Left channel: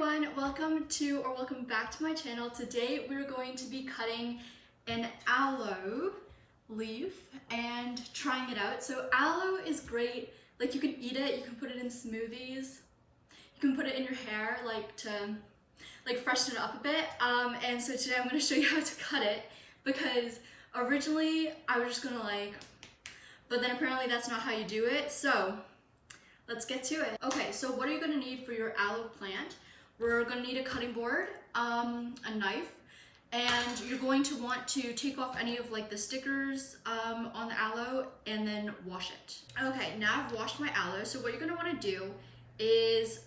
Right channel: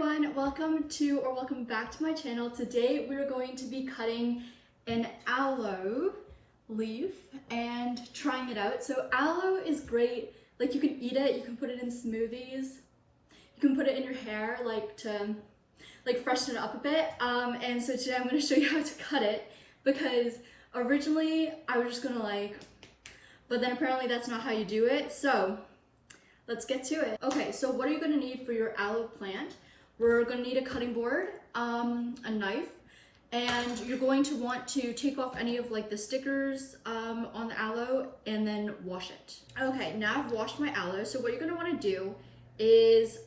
everyone, welcome back to my channel. Today we're going to be cutting an aloe leaf and trying it out. So aloe is great, like you can eat it, you can put it in smoothies, you can put it in your hair to freshen it up a bit. And so today I'm going to show you how to cut it, because originally I was just gonna but then apparently that's not how you do it. So let's get to it. Okay, so what are you gonna need for your aloe plant? We're gonna need a cutting board, a knife, and you're going to want to take off any of the stickers on the aloe and then wash it. Okay, now I've washed my aloe. So what you're gonna wanna do is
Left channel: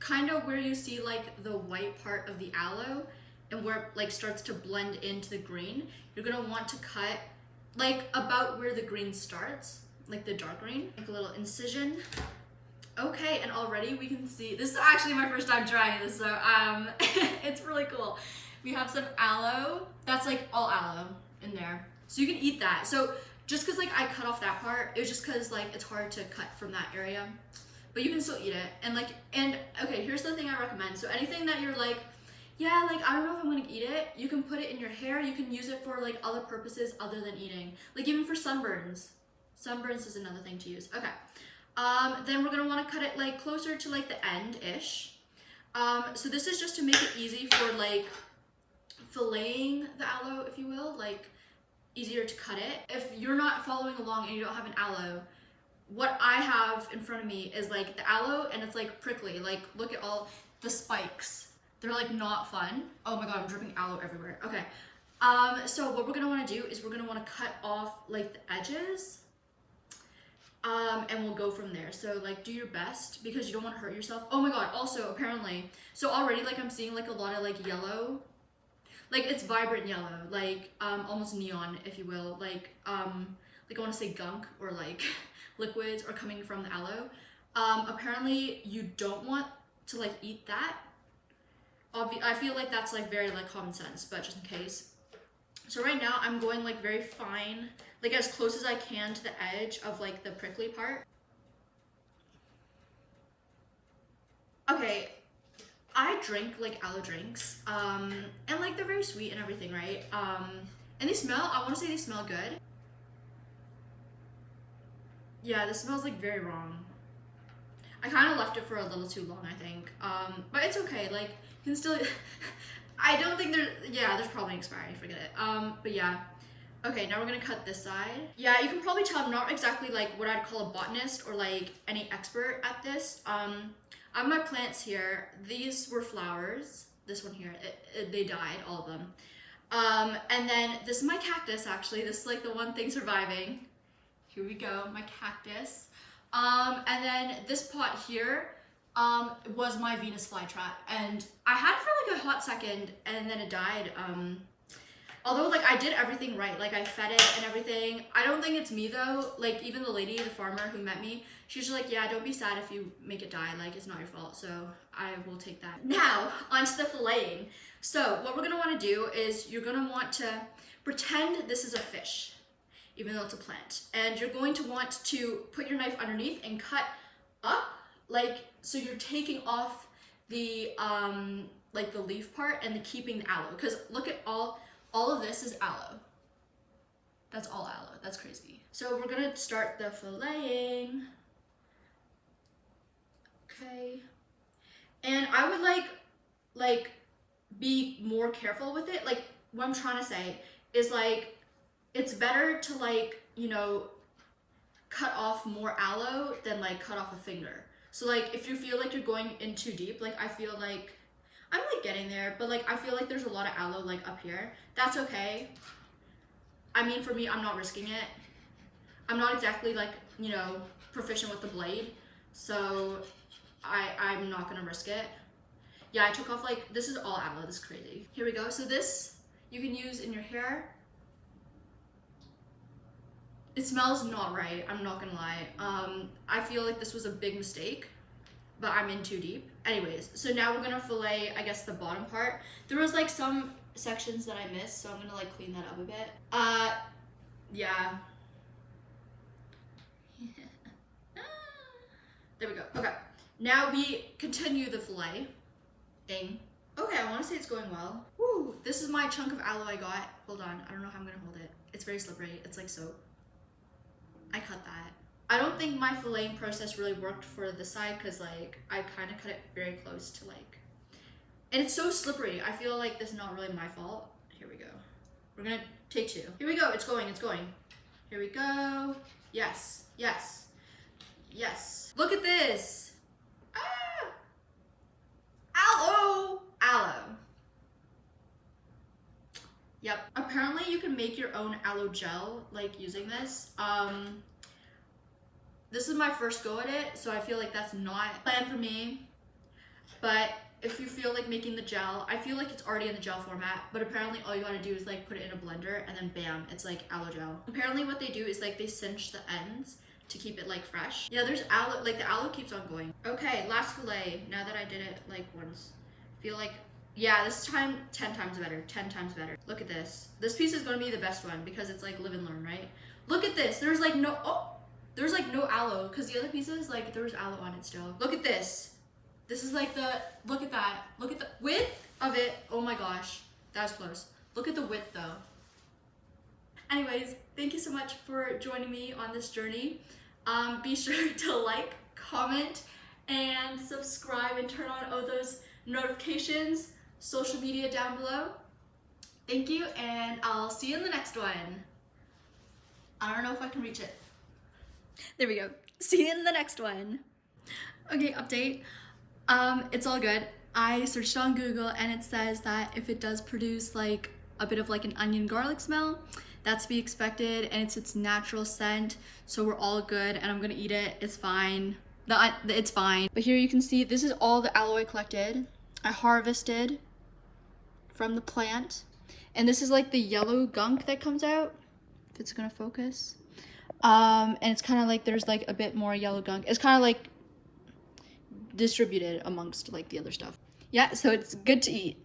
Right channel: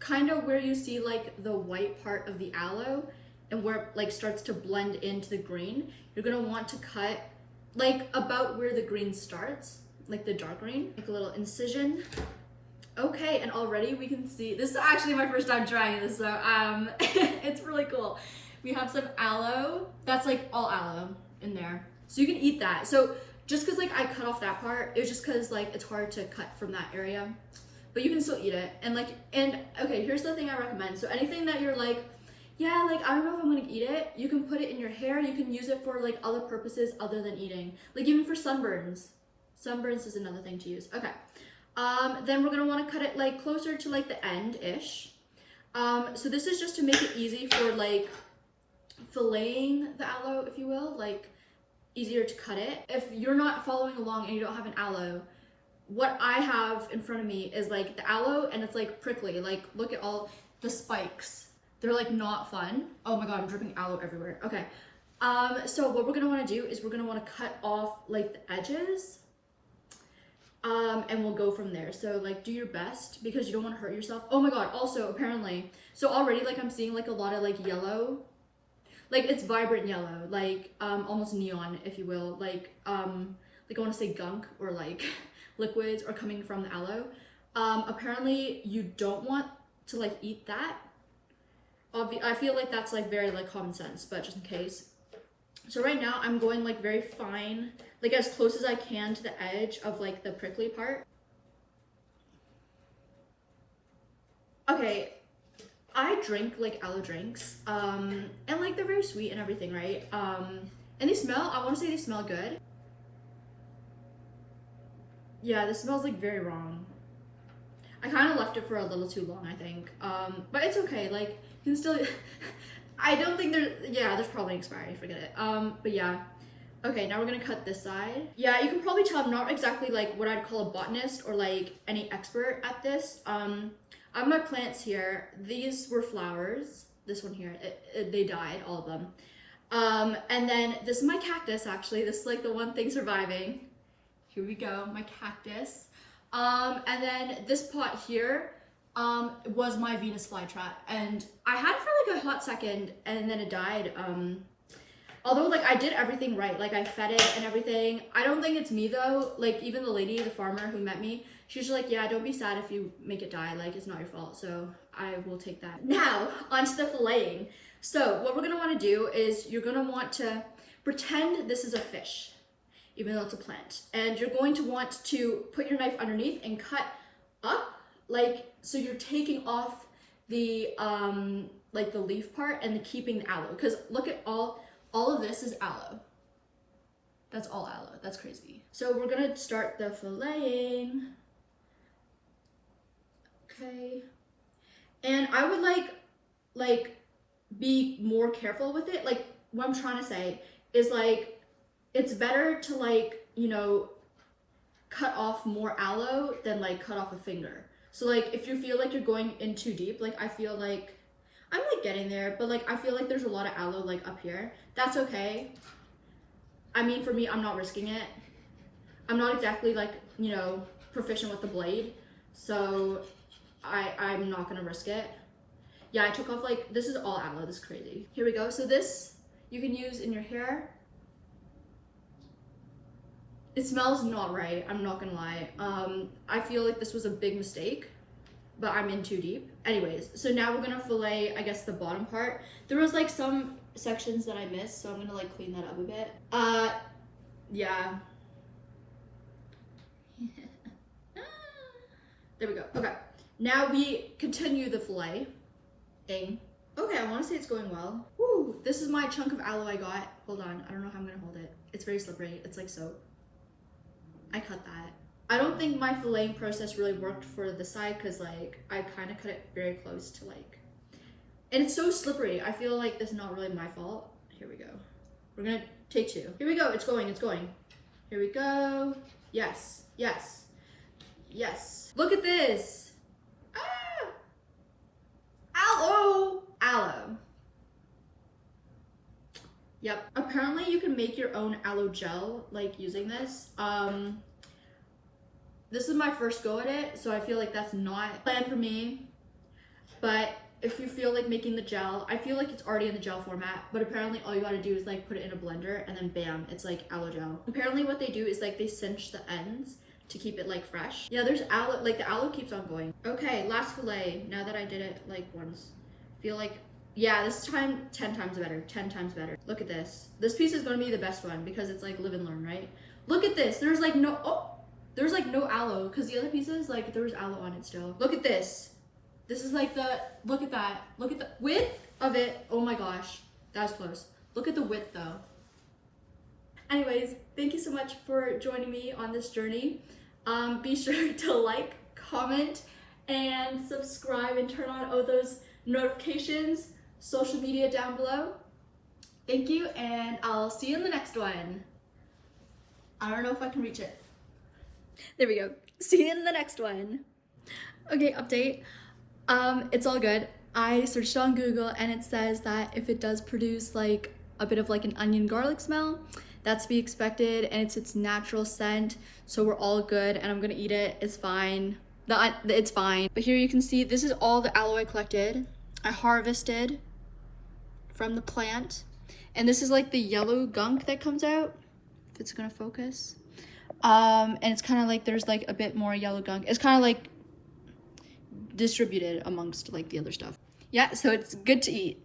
kind of where you see the white part of the aloe and where it starts to blend into the green, you're gonna want to cut about where the green starts, the dark green, a little incision. Okay, and already we can see, this is actually my first time trying this, so it's really cool. We have some aloe, that's all aloe in there. So you can eat that. So just cause I cut off that part, it was just cause it's hard to cut from that area, but you can still eat it. And okay, here's the thing I recommend. So anything that you're yeah, I don't know if I'm gonna eat it, you can put it in your hair, you can use it for other purposes other than eating. Even for sunburns. Sunburns is another thing to use. Okay. Then we're gonna want to cut it closer to the end-ish. So this is just to make it easy for filleting the aloe, if you will, easier to cut it. If you're not following along and you don't have an aloe, what I have in front of me is the aloe, and it's prickly. Look at all the spikes. They're not fun. Oh my god, I'm dripping aloe everywhere. Okay. So what we're gonna want to do is we're gonna want to cut off the edges. And we'll go from there. So do your best, because you don't want to hurt yourself. Oh my god, also apparently, so already I'm seeing a lot of yellow, it's vibrant yellow, almost neon, if you will, I want to say gunk or liquids are coming from the aloe. Apparently you don't want to eat that. I feel that's very common sense, but just in case. So right now I'm going very fine, as close as I can to the edge of the prickly part. Okay, I drink aloe drinks, and they're very sweet and everything, right? And they smell, I want to say they smell good. Yeah, this smells very wrong. I kind of left it for a little too long, I think. But it's okay, you can still, I don't think there's probably an expiry, forget it. But yeah. Okay, now we're gonna cut this side. Yeah, you can probably tell I'm not exactly what I'd call a botanist or any expert at this. I have my plants here. These were flowers. This one here, they died, all of them. And then this is my cactus, actually. This is the one thing surviving. Here we go, my cactus. And then this pot here was my Venus flytrap, and I had it for a hot second and then it died. Although I did everything right, I fed it and everything. I don't think it's me though. Even the lady, the farmer who met me, she's just yeah, don't be sad if you make it die, it's not your fault. So I will take that. Now onto the filleting. So what we're gonna want to do is you're gonna want to pretend this is a fish, even though it's a plant, and you're going to want to put your knife underneath and cut up, so you're taking off the the leaf part and keeping the aloe, because look at all of this is aloe. That's all aloe. That's crazy. So we're gonna start the filleting. Okay, and I would be more careful with it. What I'm trying to say is it's better to cut off more aloe than cut off a finger. So if you feel you're going in too deep, I feel I'm getting there, but I feel there's a lot of aloe up here. That's okay. I mean, for me, I'm not risking it. I'm not exactly proficient with the blade, so I'm not gonna risk it. Yeah, I took off this is all aloe. This is crazy. Here we go. So this you can use in your hair. It smells not right, I'm not gonna lie. I feel this was a big mistake, but I'm in too deep. Anyways, so now we're gonna fillet, I guess, the bottom part. There was some sections that I missed, so I'm gonna clean that up a bit. Yeah. There we go. Okay, now we continue the fillet. Okay, I want to say it's going well. Woo! This is my chunk of aloe I got. Hold on, I don't know how I'm gonna hold it. It's very slippery. It's like soap. I cut that. I don't think my filleting process really worked for the side because like I kind of cut it very close to like, and it's so slippery. I feel like this is not really my fault. Here we go. We're gonna take 2. Here we go. It's going. It's going. Here we go. Yes. Yes. Yes. Look at this. Ah! Aloe. Aloe. Yep. Apparently you can make your own aloe gel like using this. This is my first go at it, so I feel like that's not planned for me. But if you feel like making the gel, I feel like it's already in the gel format, but apparently all you gotta do is like put it in a blender and then bam, it's like aloe gel. Apparently what they do is like they cinch the ends to keep it like fresh. Yeah, there's aloe, like the aloe keeps on going. Okay, last fillet. Now that I did it like once, feel like, yeah, this time 10 times better, 10 times better. Look at this. This piece is gonna be the best one because it's like live and learn, right? Look at this. There's like no, there's like no aloe because the other pieces, like there was aloe on it still. Look at this. This is like the, look at that. Look at the width of it. Oh my gosh, that's close. Look at the width though. Anyways, thank you so much for joining me on this journey. Be sure to like, comment, and subscribe and turn on all those notifications, social media down below. Thank you, and I'll see you in the next one. I don't know if I can reach it. There we go. See you in the next one. Okay, update. It's all good. I searched on Google and it says that if it does produce like a bit of like an onion garlic smell, that's to be expected and it's its natural scent. So we're all good and I'm gonna eat it. It's fine. It's fine. But here you can see this is all the aloe I collected. I harvested from the plant. And this is like the yellow gunk that comes out. If it's gonna focus. And it's kind of like there's like a bit more yellow gunk. It's kind of like distributed amongst like the other stuff. Yeah, so it's good to eat.